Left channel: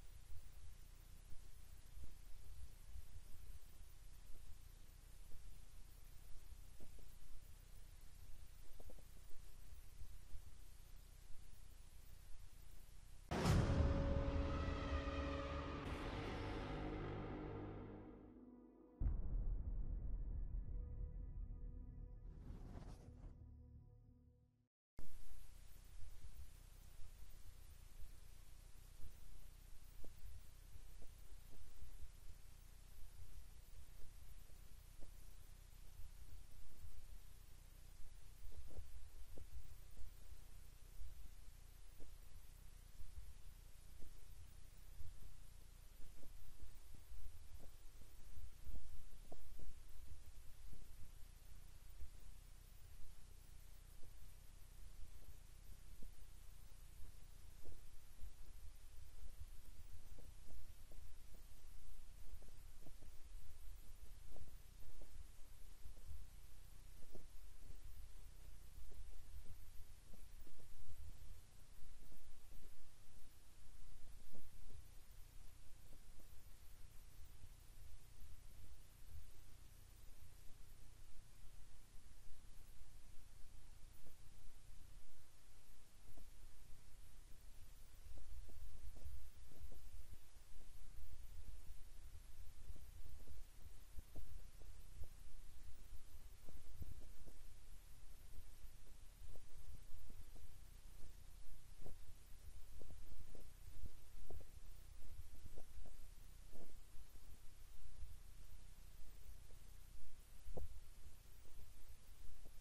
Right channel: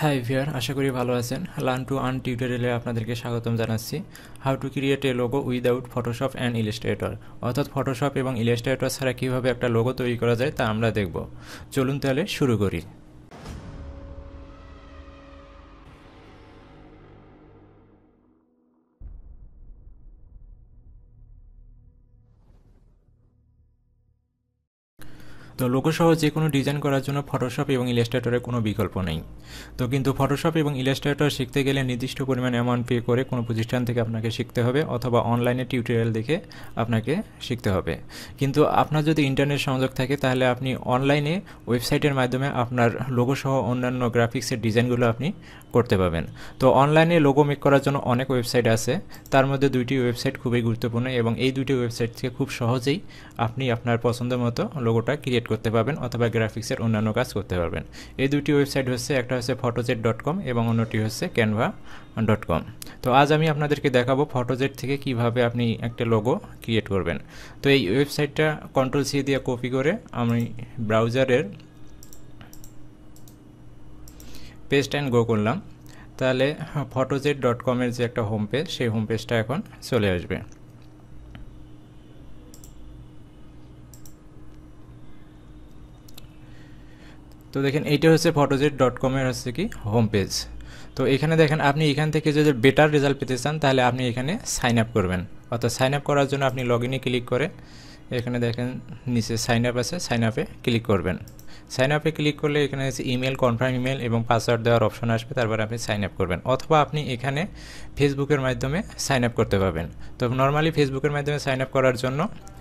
High ভিয়ার, আশা করি ভালো আছেন। লার্ন টু আর্ন টিউটোরিয়ালে আপনাদেরকে স্বাগতম জানাচ্ছি। How to create a logo without Photoshop and Illustrator, অর্থাৎ ফটোশপ এবং ইলাস্ট্রেটর ছাড়া কীভাবে একটা লোগো তৈরি করা যায় তা আমরা দেখব। চলুন তাহলে শুরু করি। তো লোগো সহ যে কোনো ডিজাইন করার জন্য ফটোশপ এবং ইলাস্ট্রেটরের কোনো বিকল্প নেই। তো কিন্তু ফটোশপ এবং ইলাস্ট্রেটর শিখতে গেলে নির্দিষ্ট পরিমাণ অ্যামাউন্ট পে করে কোনো প্রতিষ্ঠান থেকে আপনাকে শিখতে হবে, অথবা অনলাইনে টিউটোরিয়াল দেখে আপনাকে শিখতে হবে। কিন্তু আপনার যদি ইন্টারনেট সংযোগ থাকে তাহলে আপনি অনলাইনে ওয়েবসাইটের মাধ্যমে আপনার লোগো সহ অন্যান্য গ্রাফিক্সের ডিজাইনগুলো আপনি করতে পারবেন। তো অনলাইনে লোগো মেক করার জন্য অনেক ওয়েবসাইট আছে, তার মধ্যে দুইটি ওয়েবসাইট খুবই গুরুত্বপূর্ণ এবং এই দুইটি ওয়েবসাইট থেকে খুব সহজেই আপনি আপনার পছন্দ মতো লোগোটা ক্রিয়েট করতে পারবেন অথবা গ্রাফিক্সের অন্যান্য কাজ করতে পারবেন। এই দুইটি ওয়েবসাইট হচ্ছে, একটা হচ্ছে photojet.com এবং অন্যটি হচ্ছে canva.com। তো আজ আমি আপনাদেরকে দেখাবো photojet থেকে কিভাবে আপনি একটা লোগো ক্রিয়েট করবেন। তো এই ওয়েবসাইটটা Ctrl+C দিয়ে কপি করে আমি ব্রাউজারের পেস্ট অ্যান্ড গো করলাম, তাহলে photojet.com এর যে একটা হোম পেজ, সেই হোম পেজটা এখন চলে আসবে। তো দেখেন এইটা হচ্ছে photojet.com এর হচ্ছে কি হোম পেজ। তো এখানে দেখেন আপনি এখান থেকে যদি বেটার রেজাল্ট পেতে চান তাহলে আপনি এখানে সাইন আপ করবেন, অর্থাৎ সাইন আপ করার জন্য আপনি লগ ইনে ক্লিক করে এখানে দেখেন নিচে সাইন আপ আছে, সাইন আপে ক্লিক করবেন। সাইন আপে ক্লিক করলে এখানে হচ্ছে ইমেল, কনফার্ম ইমেল এবং পাসওয়ার্ড দেওয়ার অপশন আসবে, তারপরে আপনি সাইন আপ করবেন। অথবা আপনি এখানে ফেসবুকের মাধ্যমে সাইন আপ করতে পারবেন। তো নর্মালি ফেসবুকের মাধ্যমে সাইন আপ করার জন্য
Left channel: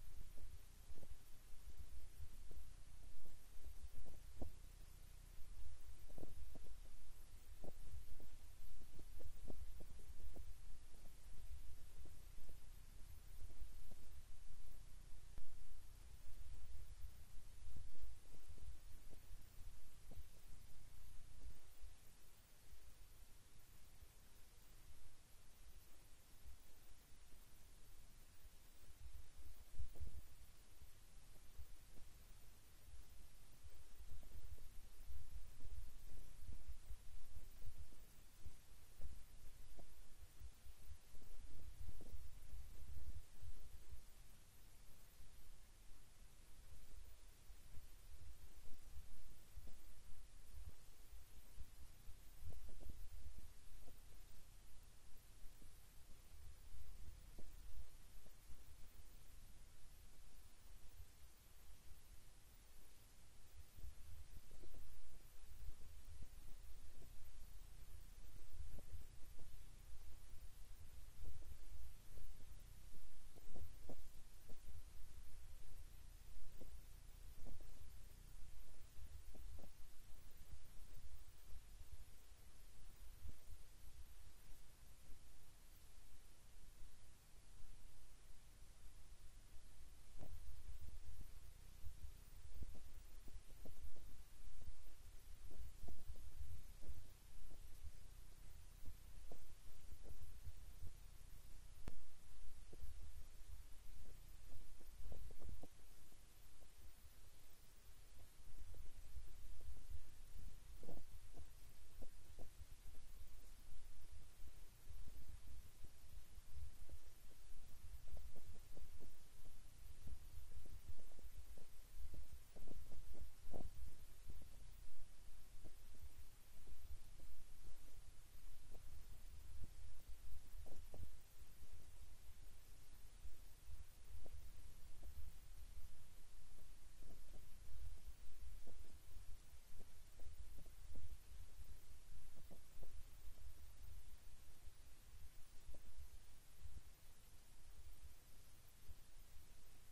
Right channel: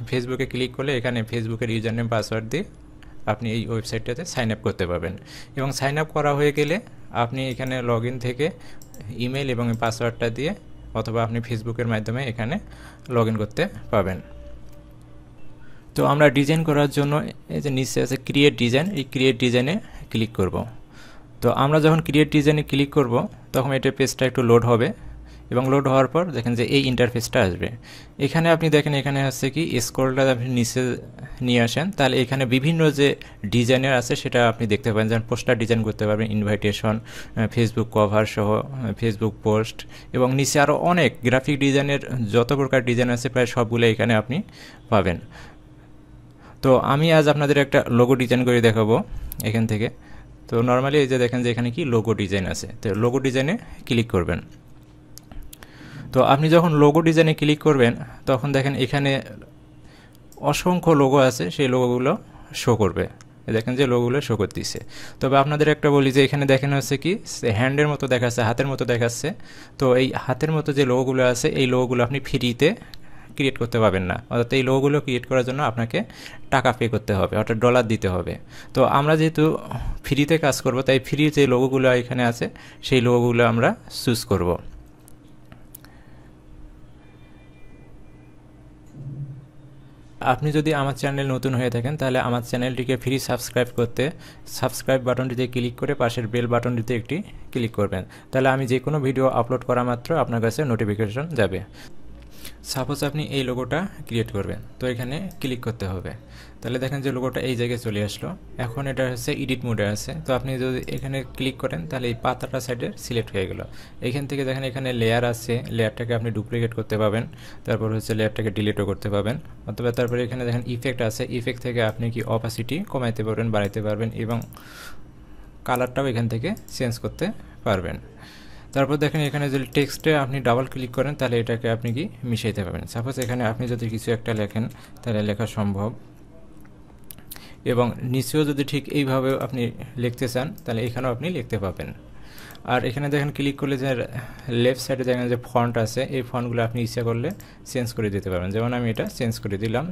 ফেসবুকে ক্লিক করলে এখানে ফেসবুকের ইউজার নেম পাসওয়ার্ড দিয়ে আপনি এই ওয়েবসাইটটাতে সাইন আপ করতে পারবেন। এবং সাইন আপ করা হয়ে গেলে আপনি এখানে লগ ইন থেকে ইমেল এবং পাসওয়ার্ডটা দিয়ে অথবা আপনি ফেসবুকের মাধ্যমে এখানে লগ ইন করতে পারবেন। তো আমরা ডিজাইন করার জন্য এই যে নিচে আছে ক্রিয়েট ডিজাইন, এই ক্রিয়েট ডিজাইনে ক্লিক করব। তো আমরা যখন ক্রিয়েট ডিজাইনে ক্লিক করব তখন এটা পেজটা একটু লোড হবে এবং লোড হওয়ার পর দেখেন যে এই ইন্টারফেসটা আসবে। এখানে আপনি দেখেন এখানে হচ্ছে কি স্ক্রলটা আপনি নিচে নিয়ে আসেন, তাহলে এখানে বিভিন্ন যে ডিজাইনের আছে সেটা আপনি দেখতে পাবেন। যেমন পোস্টার ডিজাইন করতে পারবেন, ইনভাইটেশন, ফেসবুক কভার সহ ফেসবুক পোস্ট, এবং নিচে আরও অনেক গ্রাফিক ডিজাইনের যত প্রকার ডিজাইন আছে প্রায় সবগুলো এখানে আপনি পাবেন। তো আমি আজ আপনাদের একটা লোগো ডিজাইন করে দেখাবো এখান থেকে। তো নর্মালি এই যে দেখেন যে এখানে কি লোগো ডিজাইন আছে, তো লোগো ডিজাইনে ক্লিক করবেন। তো আপনি যখন লোগো ডিজাইনে ক্লিক করবেন তখন দেখেন এখানে অসংখ্য লোগো আছে, সেই লোগোগুলো শো করবে। দেখেন যে লোগোগুলো শো করতেছে। তবে আপনাদের একটা বলি যে এখানে দেখেন হচ্ছে কি হ্যান্ডের মতো দেখাচ্ছে, হাতের মতো দেখাচ্ছে। তো এই হাতের মতো যে লোগোগুলো আছে এই লোগোগুলো আপনি ফ্রিতে ক্রিয়েট করতে পারবেন না, অর্থাৎ এই লোগোগুলো ক্রিয়েট করার জন্য আপনাকে টাকা পে করতে হবে, অর্থাৎ ডলার দিতে হবে। তো আমরা যেহেতু ফ্রিতে কাজ করব তাই ফ্রি যে লোগোগুলো এখানে আছে সেই লোগোগুলো আমরা চুজ করব। আপনি যদি আমার চ্যানেল নতুন হয়ে থাকেন তাহলে আমার চ্যানেলটিকে ফ্রি সাবস্ক্রাইব করতে সাবস্ক্রাইব বাটনটিতে ক্লিক করে পাশের বেল বাটনটিতে একটি ক্লিক করবেন, তাহলে আমি যে কোনো ভিডিও আপলোড করা মাত্র আপনার কাছে নোটিফিকেশন যাবে। সাপোজ আপনি এই লোগোটা ক্রিয়েট করবেন, তো এখানে ক্লিক করতে হবে। তাহলে দেখেন যে লোগোটা এই জায়গায় চলে আসলো। এখন এটা হচ্ছে এডিট মোডে আছে, তো আপনি যদি এখানে ক্লিক করেন তাহলে এই পাতাটা সাইডে সিলেক্ট হয়ে গেল। এইখান থেকে দেখেন এখানে লেয়ার আছে, লেয়ারটাকে আপনি ডুপ্লিকেট করতে পারবেন, তারপর হচ্ছে লেয়ারটাকে ডিলিটও করতে পারবেন। অথবা তারপরে এখানে দেখেন ইফেক্ট আছে, ইফেক্ট থেকে আপনি কি অপাসিটি কমাইতে পারবেন, বাড়াইতে পারবেন এবং কালারটাও এখান থেকে চেঞ্জ করতে পারবেন। তারপর দেখেন এখানে যদি টেক্সটে আপনি ডাবল ক্লিক করেন তাহলে এটাকে আপনি কি মিশাইতে পারবেন। সাপোজ এখানে আপনি যদি কিছু একটা লেখেন তাহলে লেখা সম্ভব, এবং নিচেও যদি ঠিক এইভাবে আপনি লিখতে চান তাহলে এখানেও আপনি লিখতে পাবেন। আর এখানে দেখেন ক্লিক করলে যে লেফট সাইডে দেখেন যে ফন্ট আছে, এই ফন্টগুলো আপনি ইচ্ছা করলে চেঞ্জ করে দিতে পারবেন। যেমন আমি এটা চেঞ্জ করে দিলাম,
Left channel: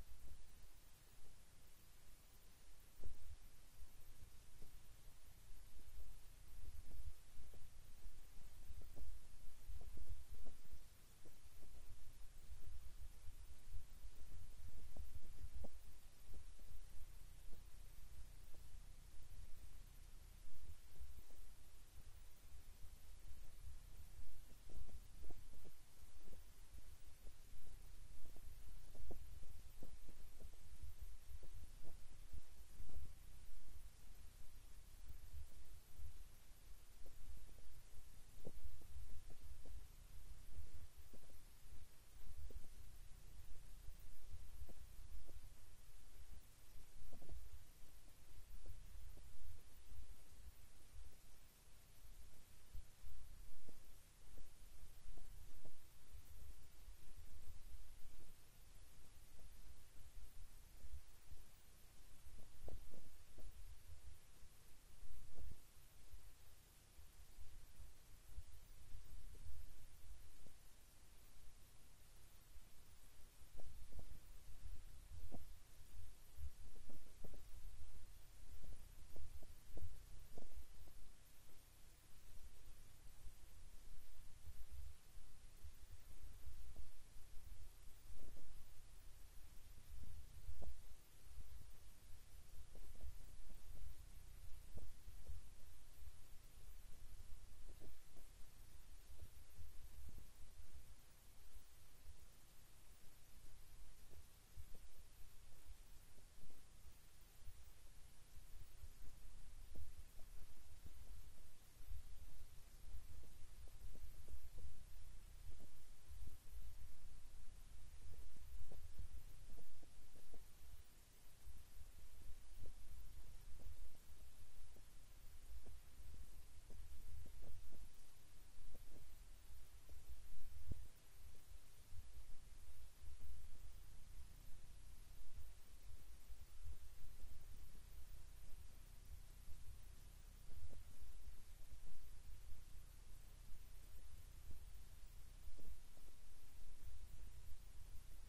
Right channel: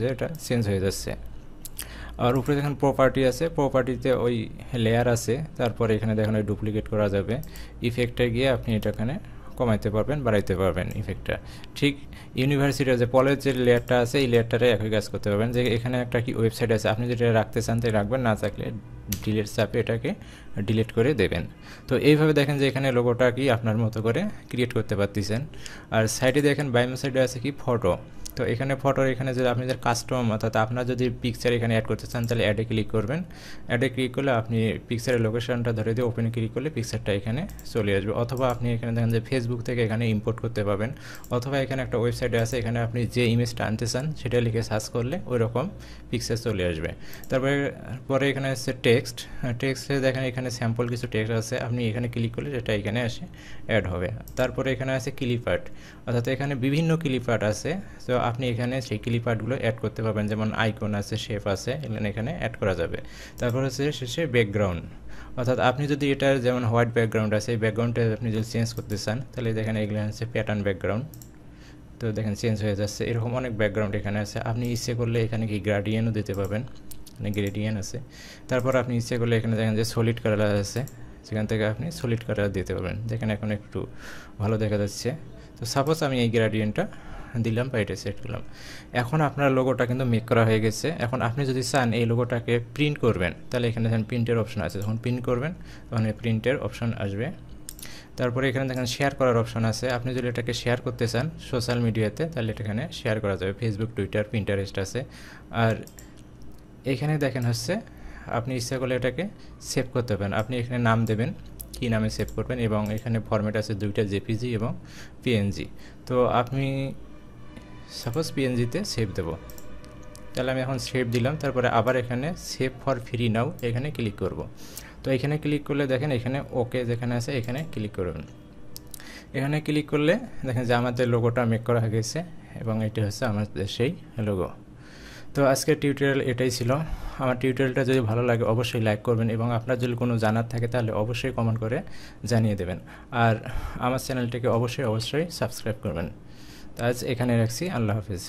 যে এটা চেঞ্জ হয়ে যাচ্ছে। আর উপরে দেখেন প্রপার্টি আছে, প্রপার্টিতে ওই লেয়ার আছে, তারপরে এখানে দেখেন ওই ডুপ্লিকেট করা যাবে। ইফেক্টে গিয়ে আপনি এটা এখানে কমাইতে পারবেন, বাড়াইতে পারবেন ইফেক্টটা। ঠিক ইউনিভার্সিটির যে পলের যে লেয়ারটা আছে এই লেয়ারটারে একই কাজ করতে পারবেন। যে এখানে একটা কি ওয়েবসাইট আছে, আপনি যেটা রাখতে চান তাই রাখবেন, না থাকলে ডিলিট চাপে এটাকে ডিলিট করে দেবেন। তো এইভাবে দেখেন যে এখানে লোগোটা কি আপনার মতো করে ক্রিয়েট করতে পারতেছেন। আর সাইডে দেখেন বাম সাইডে আছে কি ফটো। তো এখানে ফটোর এখানে যদি আপনাদের কাস্টম অর্থাৎ আপনার যদি পিকচার এখানে অ্যাড করতে চান তাহলে অ্যাডে ক্লিক করবেন। অ্যাডে ক্লিক করলে আপনি পিকচারের লোকেশনটা ধরে দিয়ে ওপেনে ক্লিক করলে পিকচারটা এখানে চলে আসবে। অথবা আপনি এখানে দেখেন যে ফেসবুক থেকে এখানে ইম্পোর্ট করতে পারবেন। অথবা এখানে একটা ওয়েবসাইটে আছে, এখানে আপনি যে ইমেজটা আনতে চান সেটা লিখে সার্চ করলে ওই রকম পিকচার চলে আসবে। পরে এখানে আছে টেক্সট। টেক্সটে দেখেন এখানে স্যাম্পল কিছু টেক্সট আছে, আপনি এখানে ক্লিক করলে সেটা এখানে এসে অ্যাড হবে। তারপরে এখানে আছে ক্লিপ আর্ট, অর্থাৎ এখানে বিভিন্ন ক্লিপ আর্ট আছে। তো আপনি এখানে সেই ক্লিপ আর্টগুলো অ্যাড করতে পারবেন, যেমন আইকন আছে, শেপ আছে, এখানে অ্যাড করা যাবে। তারপর হচ্ছে শেষে ব্যাকগ্রাউন্ড, অর্থাৎ আপনি যদি এটার যেমন হোয়াইট ব্যাকগ্রাউন্ড আছে, এই ব্যাকগ্রাউন্ডটা আপনি যদি চেঞ্জ করতে চান তাহলে দেখেন এগুলো হচ্ছে প্যাটার্ন ব্যাকগ্রাউন্ড। তো দেখেন চেঞ্জ হয়ে যাচ্ছে, এরকম অনেক ব্যাকগ্রাউন্ড এখানে আছে। আপনি ইচ্ছে করলে এখানে কি গ্রেডিয়েন্টও দিতে পারবেন, মানে গ্রেডিয়েন্ট আছে। তারপর আপনি ইচ্ছে করলে এখানে দেখেন যে সলিড কালার আছে, সেখান থেকে আপনি সলিড কালার দিতে পারবেন। দেখেন এখন একটু ভালো দেখা যাচ্ছে। তো সাপোজ আমি এই গ্রেডিয়েন্টটা দিলাম বা এটা সেট করলাম। এখন আপনার লোগোটা কিন্তু মেক করা হয়ে গেছে। এখন আপনি যদি চান এই লোগোটাকে প্রিন্ট করবেন তাহলে এখানে দেখেন প্রিন্টের অপশন আছে, যখন প্রিন্ট করবেন তখন এই প্রিন্টের অপশন আসবে। তারপরে এখানে দেখেন শেয়ার করার অপশন আছে, আপনি যদি এটাকে শেয়ার করতে চান সোশ্যাল মিডিয়াতে তাহলে এটা এখানে শেয়ার করা যাবে, ফেসবুক, টুইটার, পিন্টারেস্ট আছে। আর এখানে দেখেন হচ্ছে আপনি ইচ্ছা করলে এটাকে সেভ করতে পারেন। আপনি এখানে নাম দেবেন, কী নামে সেভ করবেন, এবং এখানে ফরম্যাট আছে দুইটা, জেপিজি এবং পিএনজি। তো আপনি সাপোজ পিএনজিতে সেভ দেব, তাহলে আমি এখন সেভ দিলাম। তারপরে আবার এখানে সেভ ফর ফ্রি নাও এখানে ক্লিক করব। তো এখানে ক্লিক করলে দেখেন এখানে ওকে যেখানে আছে এখানে ক্লিক করবেন। এখানে ক্লিক করলে দেখেন যে আমাদের লোগোটা মেক করা হয়ে গেছে এবং এটি হচ্ছে আমাদের সেই লোগো। তো আজকের টিউটোরিয়াল এটাই ছিল। আমার টিউটোরিয়ালটা যদি ভালো লাগে অবশ্যই লাইক করবেন, এবং আপনার যদি কোনো জানার থাকে তাহলে অবশ্যই কমেন্ট করে জানিয়ে দেবেন। আর আমার চ্যানেলটিকে অবশ্যই সাবস্ক্রাইব করবেন। তো আজ এখানে রাখছি, আল্লাহ হাফিজ।